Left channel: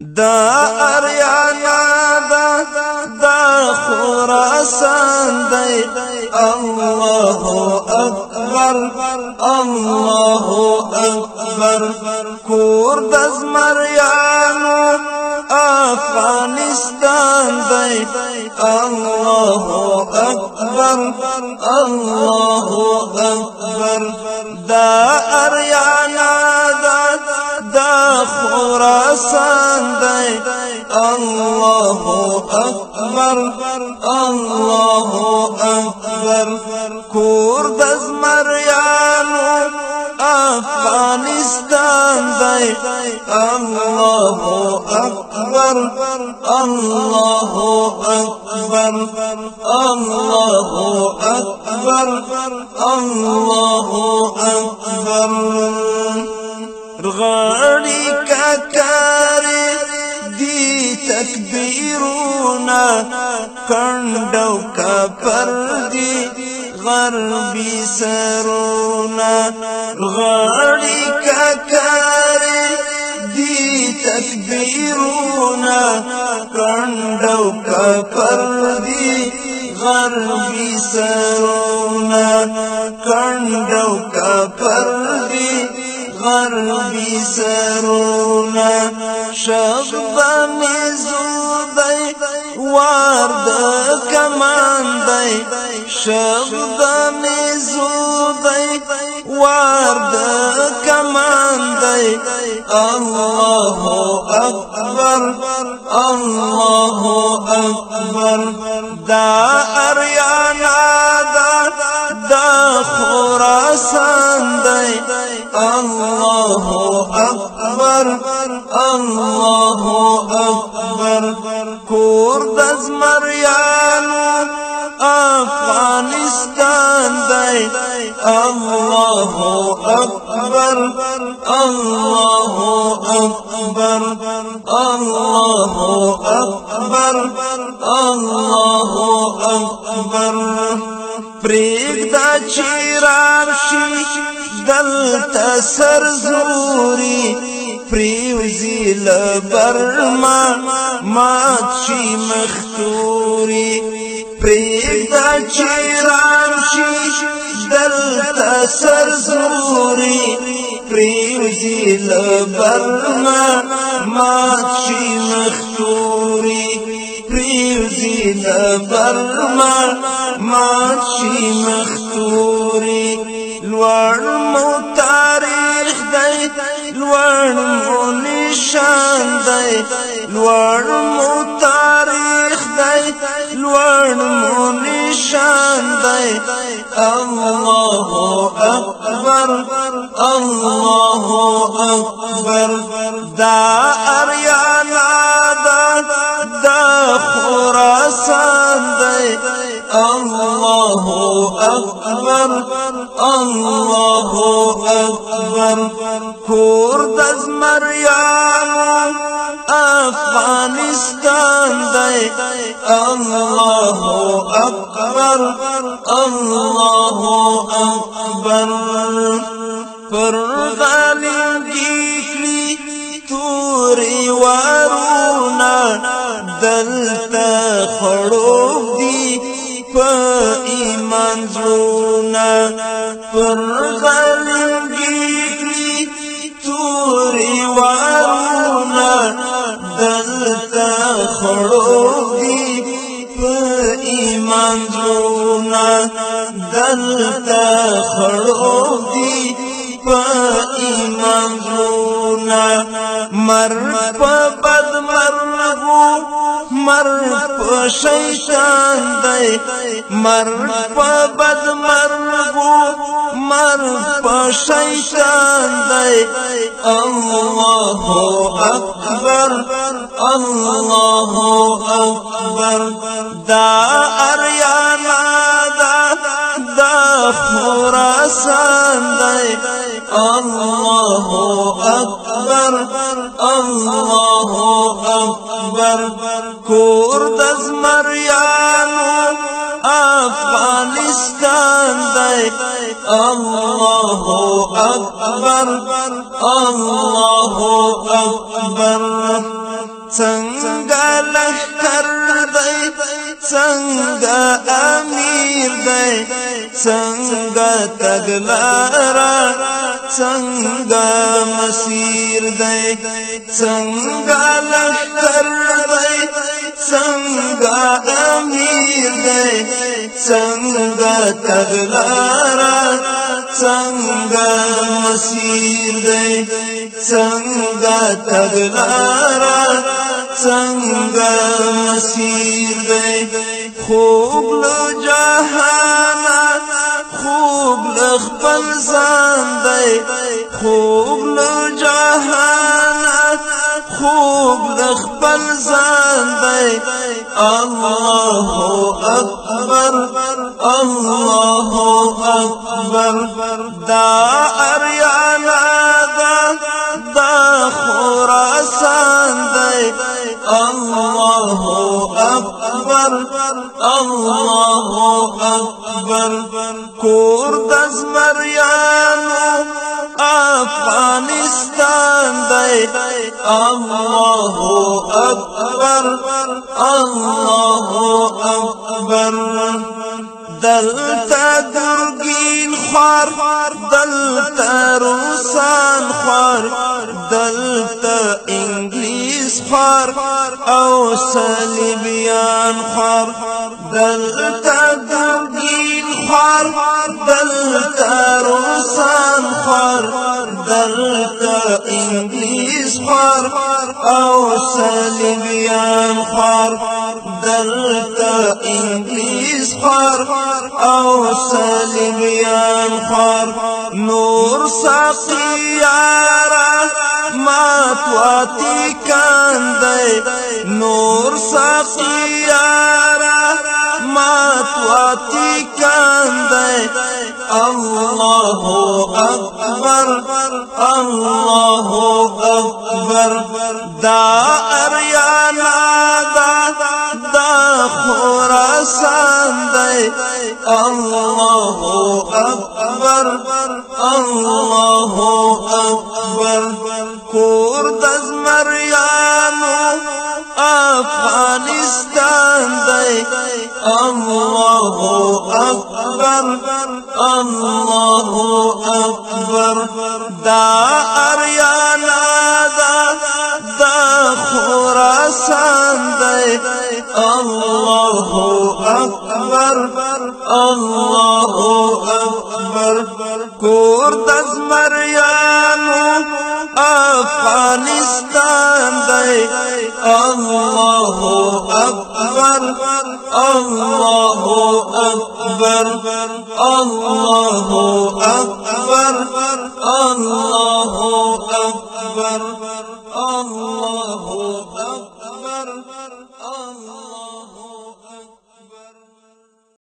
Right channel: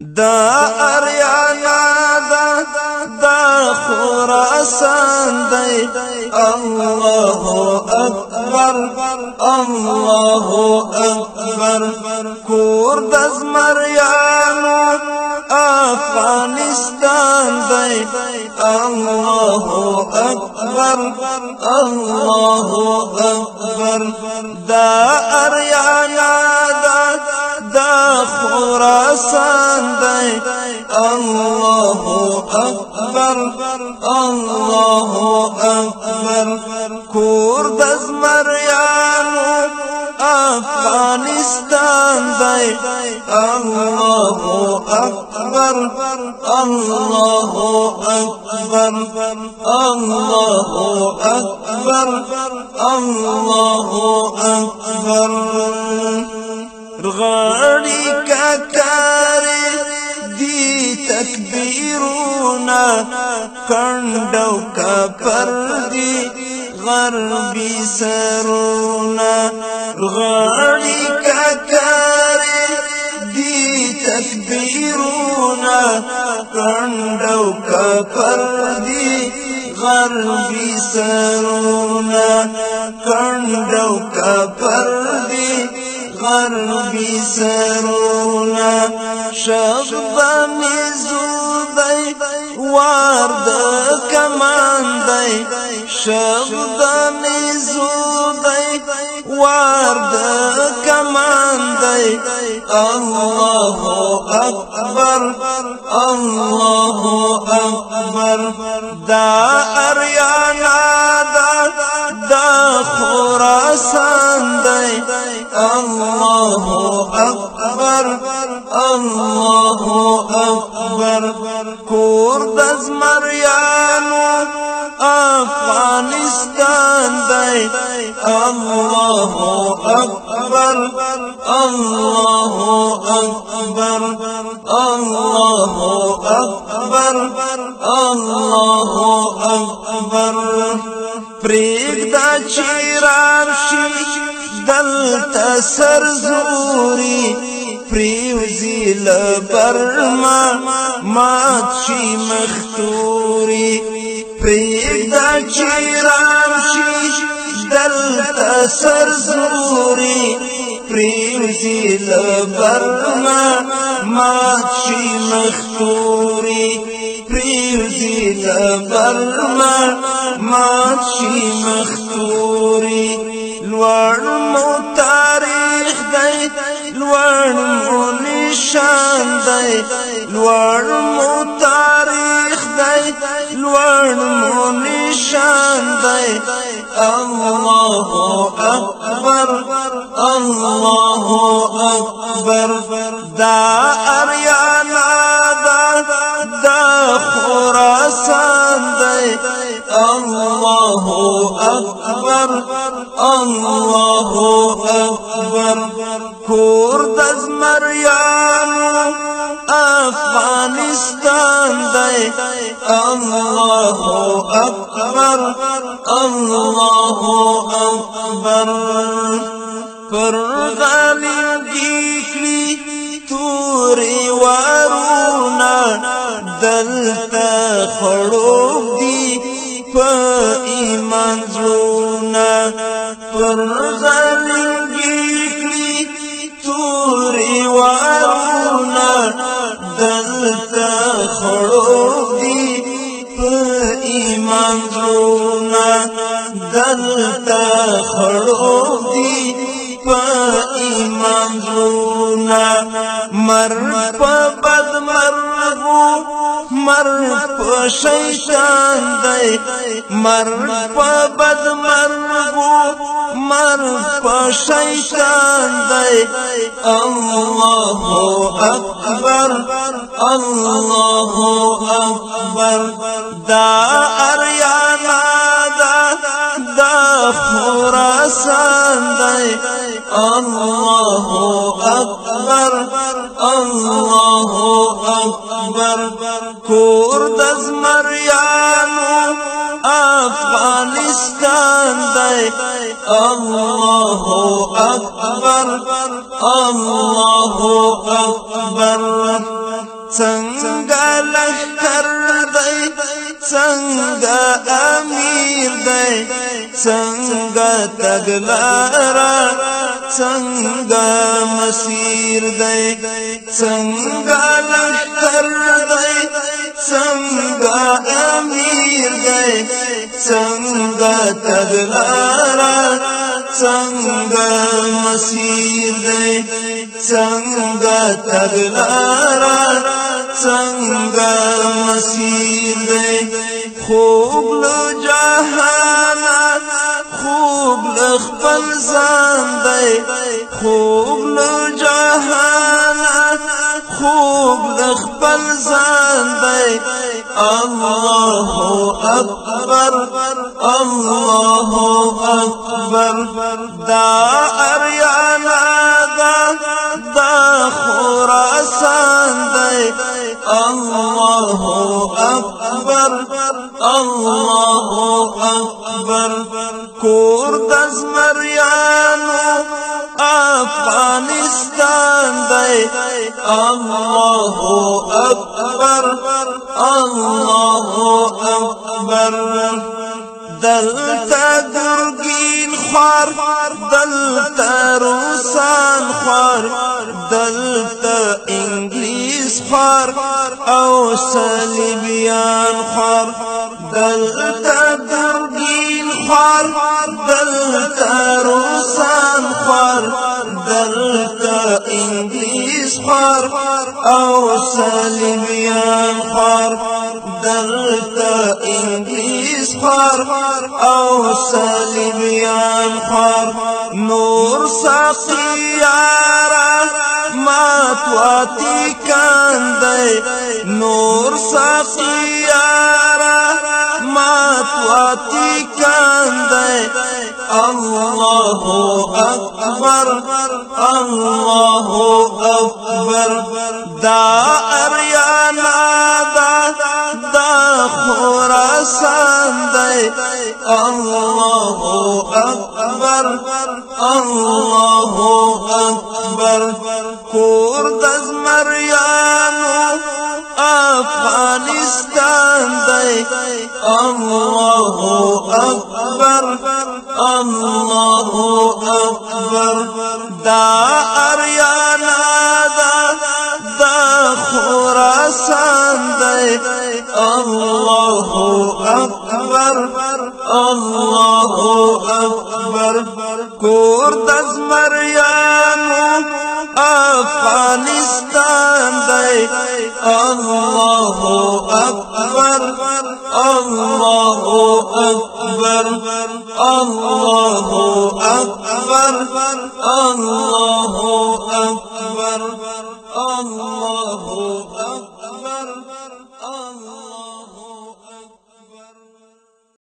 دا اریانا دا خراسان دی الله اکبر الله اکبر کور د زمریانو افغانستان دی الله اکبر الله اکبر دا اریانا دا خراسان دی الله اکبر الله اکبر کور د زمریانو افغانستان دی الله اکبر الله اکبر الله اکبر الله اکبر غړي ککاري دی تکبیرونا کندو کپر دی غربی سرونا غړي ککاري دی تکبیرونا کندو کپر دی غربی سرونا کندو کپر دی غربی سرونا شغبانی زودی وارد کمان دی شغبانی زودی وارد کمان دی الله اکبر الله اکبر دا اریانا دا خراسان دی الله اکبر الله اکبر کور د زمریانو افغانستان دی الله اکبر الله اکبر الله اکبر الله اکبر پریږده چې راشي دلته سرزوري پریوزي له برما مات شي مختوري پریږده چې راشي دلته سرزوري پریوزي له برما مات شي مختوري پریوزي له برما مات شي مختوري لوړ مو تاریخ دی لوړ مو نشان دی لوړ مو تاریخ دی لوړ مو نشان دی الله اکبر الله اکبر دا اریانا دا خراسان دی الله اکبر الله اکبر کور د زمریانو افغانستان دی الله اکبر الله اکبر پر غالنګي کړي توري ورونا دلته خړوب دي په ایمان زړونه پر غالنګي کړي توري ورونا دلته خړوب دي په ایمان زړونه دلته خړوب دي په ایمان زړونه مرګ په بد مرغو مرګ په شیطان دی مرګ په بد مرغو مرګ په شیطان دی الله اکبر الله اکبر دا اریانا دا خراسان دی الله اکبر الله اکبر کور د زمریانو افغانستان دی الله أكبر الله أكبر څنګه لښکر دی څنګه امیر دی څنګه تګلاره څنګه مسیر دی څنګه لښکر دی څنګه امیر دی څنګه تګلاره څنګه مسیر دی څنګه تګلاره څنګه مسیر دی خوب له جهانه خوب له خپل ځان دی خوب له جهانه خوب له خپل ځان دی الله أكبر الله أكبر دا اریانا دا خراسان دی الله أكبر الله أكبر کور د زمریانو افغانستان دی الله أكبر الله أكبر دلتا گرگین خوار دلتا روسان خوار دلتا انگلیس خوار او صلیبیان خوار دلتا گرگین خوار دلتا روسان خوار دلتا انگلیس خوار او صلیبیان خوار دلتا انگلیس خوار او صلیبیان خوار نور ساقیارا ماتواتی کاندے نور ساقیارا ماتواتی کاندے الله أكبر الله أكبر دا اریانا دا خراسان دی الله أكبر الله أكبر کور د زمریانو افغانستان دی الله أكبر الله أكبر دا اریانا دا خراسان دی الله أكبر الله أكبر کور د زمریانو افغانستان دی الله أكبر الله أكبر الله أكبر الله أكبر الله أكبر